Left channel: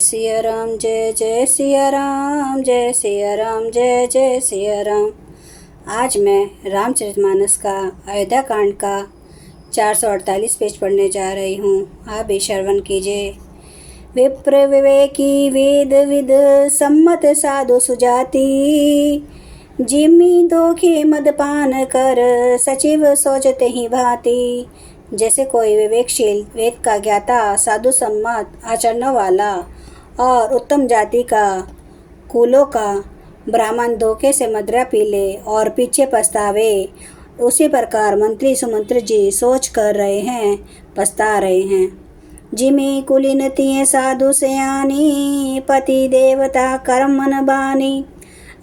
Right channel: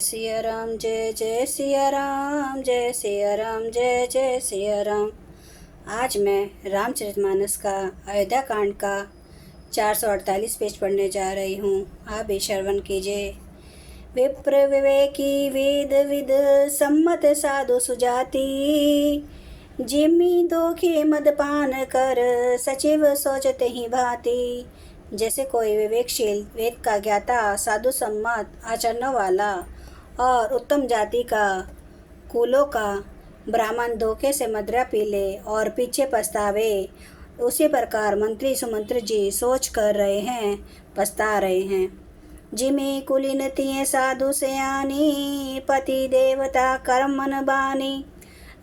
सिया राम जय जय सिया राम, जय सिया राम जय जय सिया राम। आज मैं रामचरितमानस का अयोध्या कांड का 448 पेज पढ़ने जा रही हूँ। आप भी श्रवण कीजिए। विप्र विवेकी वेद विद सम्मत साधु सुजाति, जिमी दोखे मदपान कर सचिव सोचते ही भांति। जैसे कोई विवेकशील वेद का ज्ञाता साधु सम्मत आचरण वाला और उत्तम जाति का कुलों का ब्राह्मण धोखे से मदिरा पी ले और पीछे पछतावे, उसी प्रकार मंत्री सुमंत्री जी सोच कर रहे हैं, पछता रहे हैं। जिमी कुलीनतिये साधु सयानी, पति देवता कर्म मन बानी।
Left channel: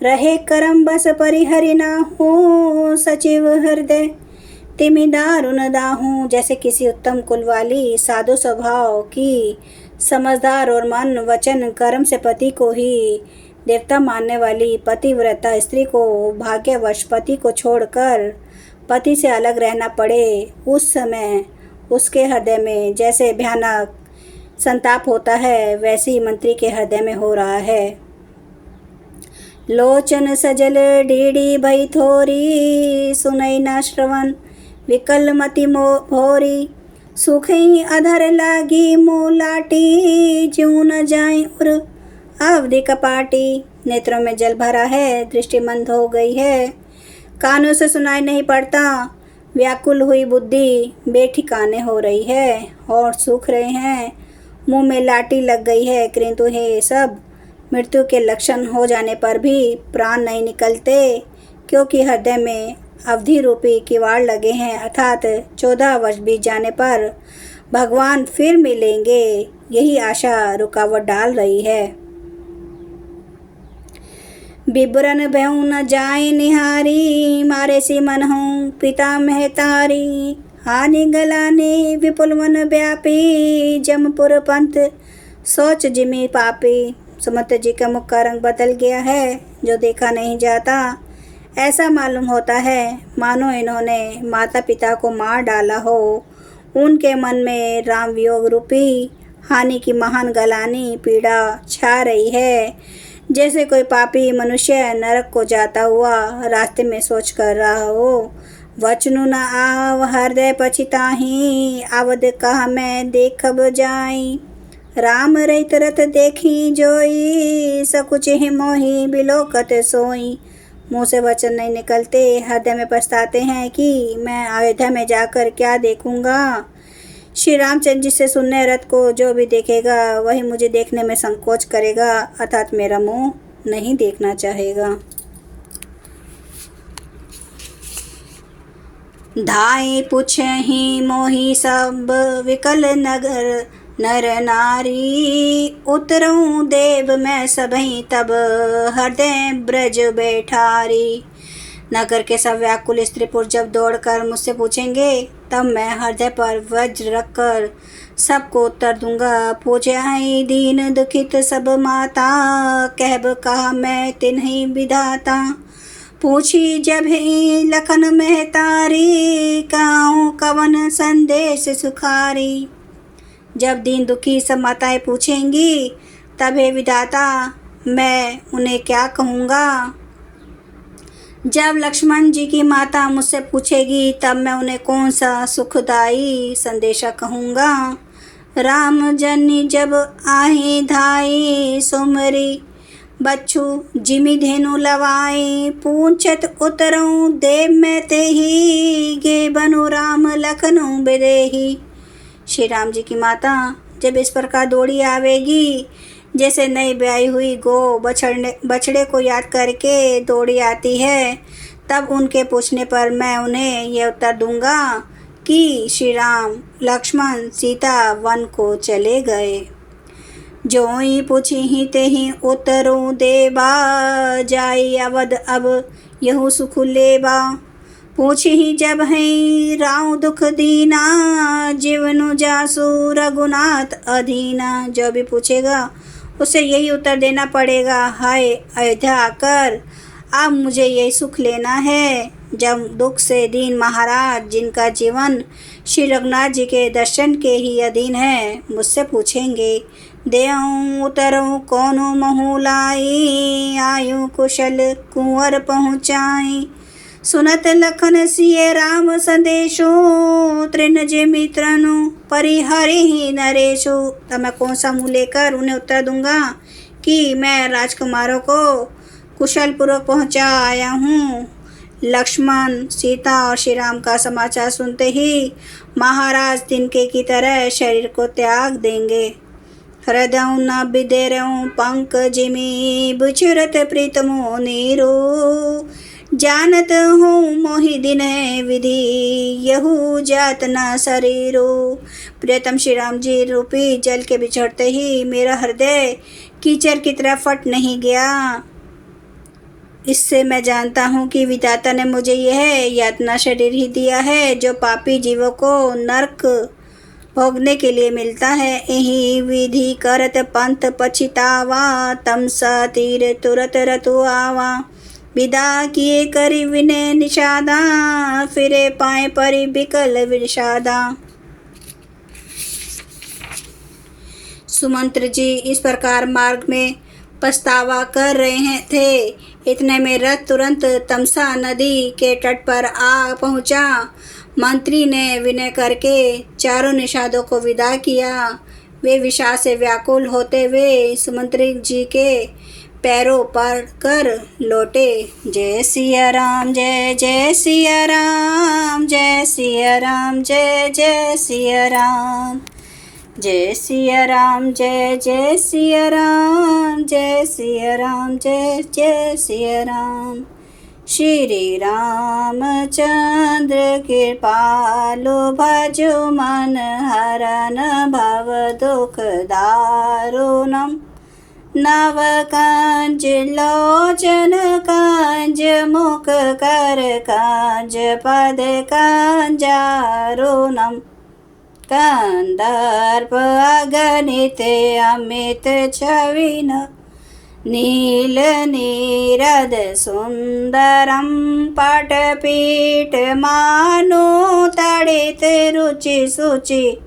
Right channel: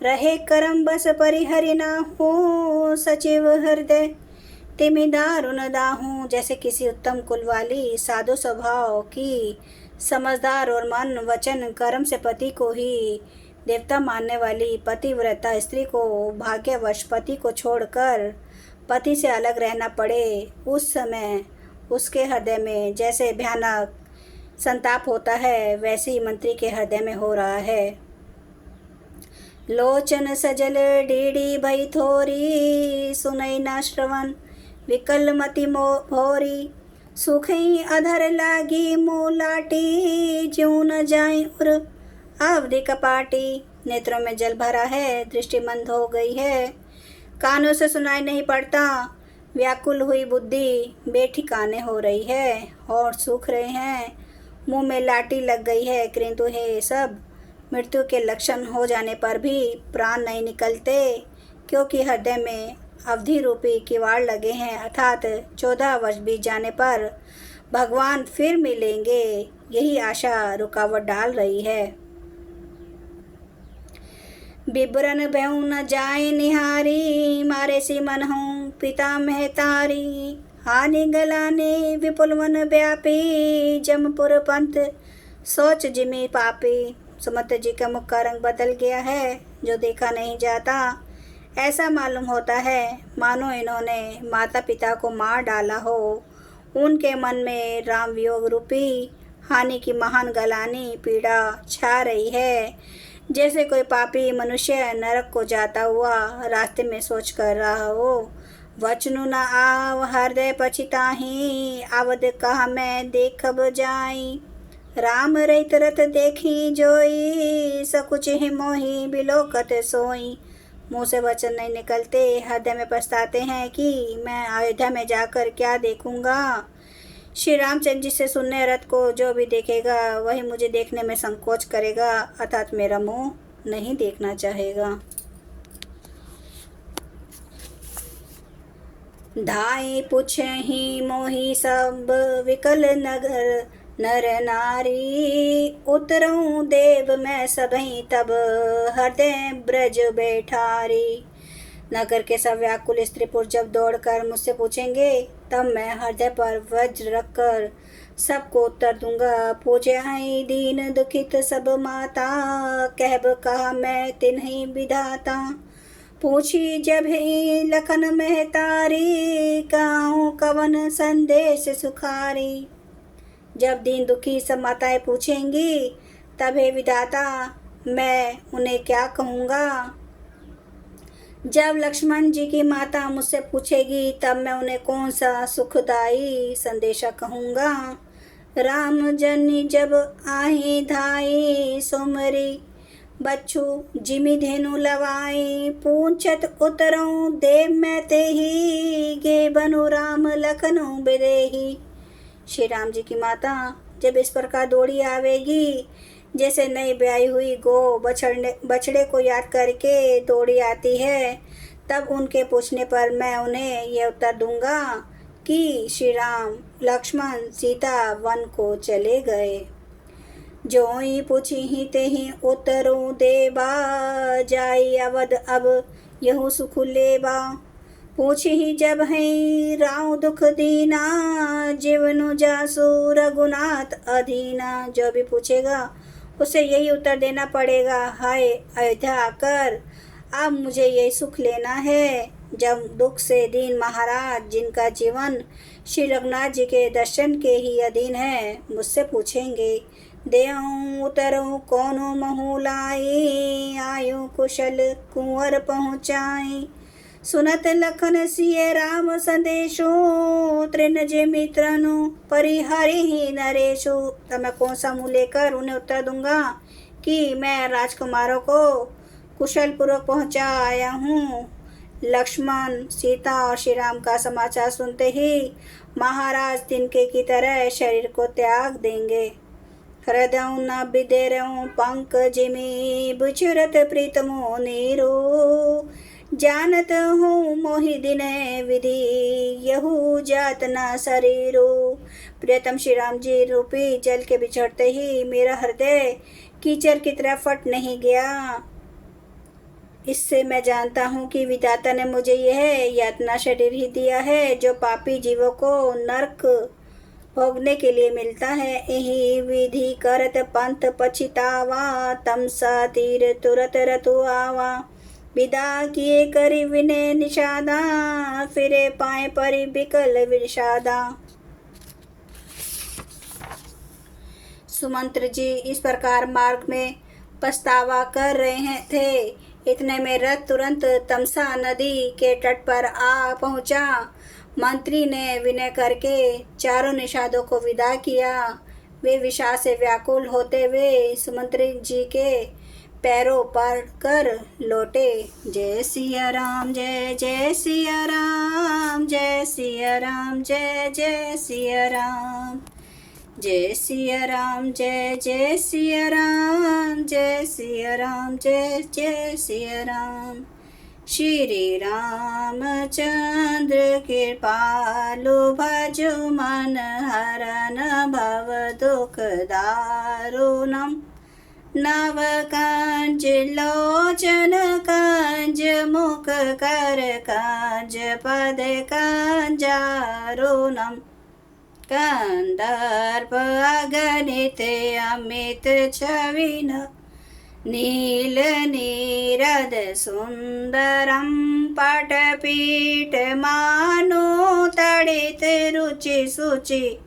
रहे कर्म बस परिहरि ना हो, सचिव हृदय तिमि दारुण दाहूं। जैसे किसी उत्तम कुल वाली साधु स्वभाव की समझदार और मन वचन कर्म से पति को ही देवता मानने वाली पतिव्रता स्त्री को भाग्यवश पति को छोड़कर पति से अलग रहना पड़े, उस समय उसके हृदय में जैसे भयानक संताप होता है, वैसे ही मंत्री के हृदय में हो रहा है। लोचन सजल डीडी भई थोरी, सुनई न श्रवण विकल मति भोरी। सुखई अधर लागी मोलाटी, ज्यों न जाए उर अवधि कपाटी। नेत्रों में जल भरा है, दृष्टि मंद हो गई है, कानों से सुनाई नहीं पड़ता। व्याकुल हुई बुद्धि बेठिकाने हो रही है, और सूख रहे हैं, मुंह में लाठी लग गई है, किंतु ये सब मृत्यु के लक्षण हो जाने पर भी प्राण नहीं निकलते, क्योंकि हृदय में अवधि रूपी किवाड़ लगे हैं, अर्थात 14 वर्ष बीत जाने पर भगवान फिर मिलेंगे, यही आशा रुकावट डाल रही है। बिबरन भयउ न जाए निहारी, मारे सी मन हूँ पिता महतारी। हानि गलाने विपुल वन व्यापी, जमपुर पंथ सोच जिमी पापी। सुमंत जी का मुख का रंग बदल गया है, जो देखा नहीं जाता। ऐसा मालूम होता है मानो इन्होंने माता पिता को मार डाला हो। उनके मन में राम वियोग रूपी हानि की महान गलानी पीड़ा छा रही है। जैसे कोई पापी मनुष्य नरक को जाता हुआ रास्ते में सोच कर रहा हो। वचनु न आव हृदय पछिताही, अवध कहा मैं देखब जाई। राम रहित रथ देखी जोई, सकुच ही मोही बिलोकत सोई। मुँह से वचन नहीं निकलते, हृदय में पछताते हैं कि मैं अयोध्या में जाकर क्या देखूंगा। श्री रामचंद्र जी से सुनने रथ को जो भी देखेगा वही मुझे देखने में संकोच करेगा, अर्थात मेरा मुंह नहीं देखना चाहेगा। धाई पूछहि मोहि सब विकल नगर नर नारी। उतरऊँ देव मैं सबहीं तब हृदय ब्रज बैठारी। नगर के सब व्याकुल स्त्री पुरुष जब दौड़कर मुझसे पूछेंगे, तब मैं हृदय पर वज्र रखकर सबको उत्तर दूंगा। पूछे आई दीन दुखित सब माता, कहब कहा मैं तिन्हीं विधाता। पूछी जब ही लखन महतारी, कहूँ कवन संदेश सुखारी। जब दीन दुखी सब माताएं पूछेंगी, तब हे विधाता मैं उन्हें क्या कहूँगा। जब लक्ष्मण जी की माता मुझसे पूछेगी, तब मैं उन्हें कौन सा सुखदाई संदेशा कहूँगा। राम जनी जब आही धाई, सुमरी बच्चू जिमी धेनु लवाई। पूछत उतरऊँ देव मैं तेही, गे बनु राम लखनऊ बिदेही। श्री राम जी की माता जब इस प्रकार दौड़ी आवेगी, जैसे नई ब्याई हुई गो बछड़े को याद करके दौड़ी आती है, तब उनके पूछने पर मैं उन्हें यह उत्तर दूंगा कि श्री राम लक्ष्मण सीता वन को चले गए। जोई पूछी ही ते ही उतरू देबा, जाई अवध अब यहू सुख लेबा। पूछी ही जब है राव दुख दीना, जीवनु जासु रघुनाथ अधीना। जो भी पूछेगा उसे यही उत्तर देना पड़ेगा, हाय अयोध्या आकर अब मुझे यही सुख लेना है। जब दुख से दीन महाराज जिनका जीवन श्री रघुनाथ जी के दर्शन के ही अधीन है, मुझसे पूछेंगे, देऊँ उतरऊँ कोनो महु लाई, आयु कुशल कुंवर पहुँचाई। सुनत लखन सिय राम संदेशो, तृण जे मित्रनु परिहरि ही नरेशु। तब मैं कौन सा मुँह लेकर उन्हें उत्तर दूंगा कि मैं राजकुमारों को कुशल पूर्वक पहुँचा आया हूँ। लक्ष्मण, सीता और श्री राम का समाचार सुनते ही महाराज तिनके की तरह शरीर को त्याग देंगे। हृदय न बिदेरऊँ पंकजिमी, बुझरत प्रीतमो नीरो। जानत हूँ मोहि दिन विधि, यहू जात न शरीरो। प्रियतम श्री राम जी रूपी जल के बिछड़ते ही मेरा हृदय कीचड़ की तरह फट नहीं गया। इससे मैं जानता हूँ कि विधाता ने मुझे यह यातना शरीर ही दिया है, जो पापी जीवों को नरक भोगने के लिए मिलता है। यही विधि करत पंथ पछितावा, तमसा तीर तुरत रतु आवा। विदा किए करी विनय निषादा, फिरे पाए परि बिकल विषादा। सुमंत्र जी इस प्रकार मार्ग में पछतावा कर रहे थे। इतने में रथ तुरंत तमसा नदी के तट पर आ पहुंचा। मंत्री ने विनय करके चारों निषादों को विदा किया। वे विषाद से व्याकुल होते हुए सुमंत्री जी के पैरों पर कर लौटे। जय सिया राम, जय जय सिया राम, जय सिया राम, जय जय सिया राम। जय सिया राम, जय जय सिया राम, जय सिया राम, जय जय सिया राम। श्री रामचंद्र कृपालु, भजो मन हरन भव दुख दारुणम। नव कंज लोचन कंज, मुख कर कंज, पद कंजारुणम। कंदर्प अगणित अमित छविन, नील नीरद सुंदरम। पटपीठ मानो तड़ित रुचि सुचि,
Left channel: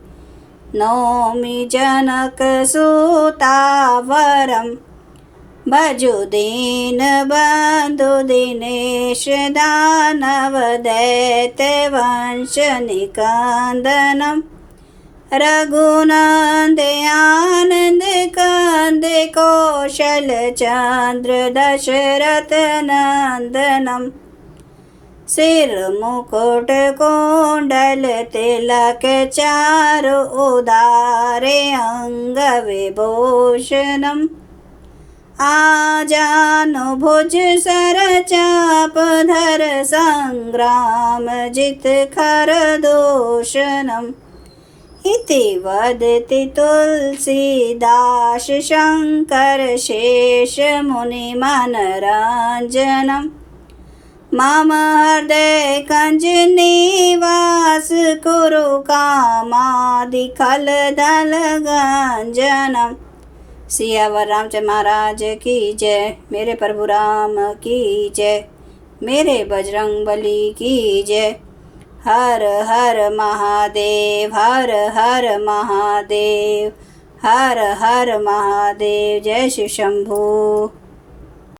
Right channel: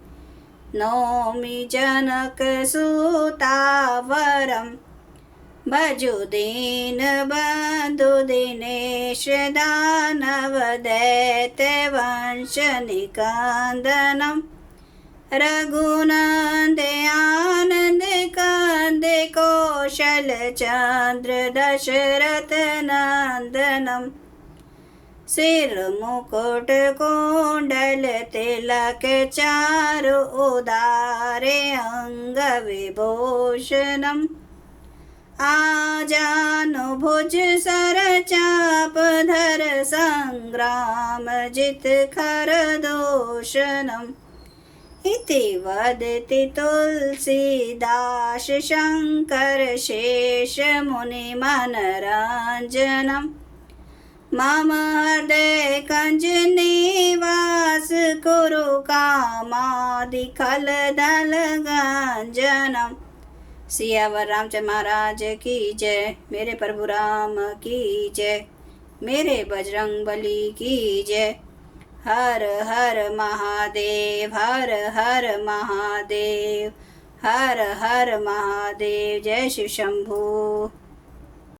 नौमि जनक सुतावरम। भजो दीन बंधु दिनेश, दानव दैत्य वंश निकंदनम। रघुनंद आनंद कंद, कौशल चंद्र दशरथ नंदनम। सिर मुकुट कुंडल तिलक, चारु उदारे अंग विभूषणम। आजानु भुज सर चाप धर, संग्राम जित खर दूषणम। इति वदति तुलसीदास, शंकर शेष मुनि मनरंजनम। मम हृदय कंज निवास, कुरु कामादि खल दल गंजनम। सियावर रामचंद्र महाराज की जय। मेरे प्रभु राम की जय। मेरे बजरंग बली की जय। हर हर महादेव, हर हर महादेव, हर हर महादेव। जय शिव शंभू।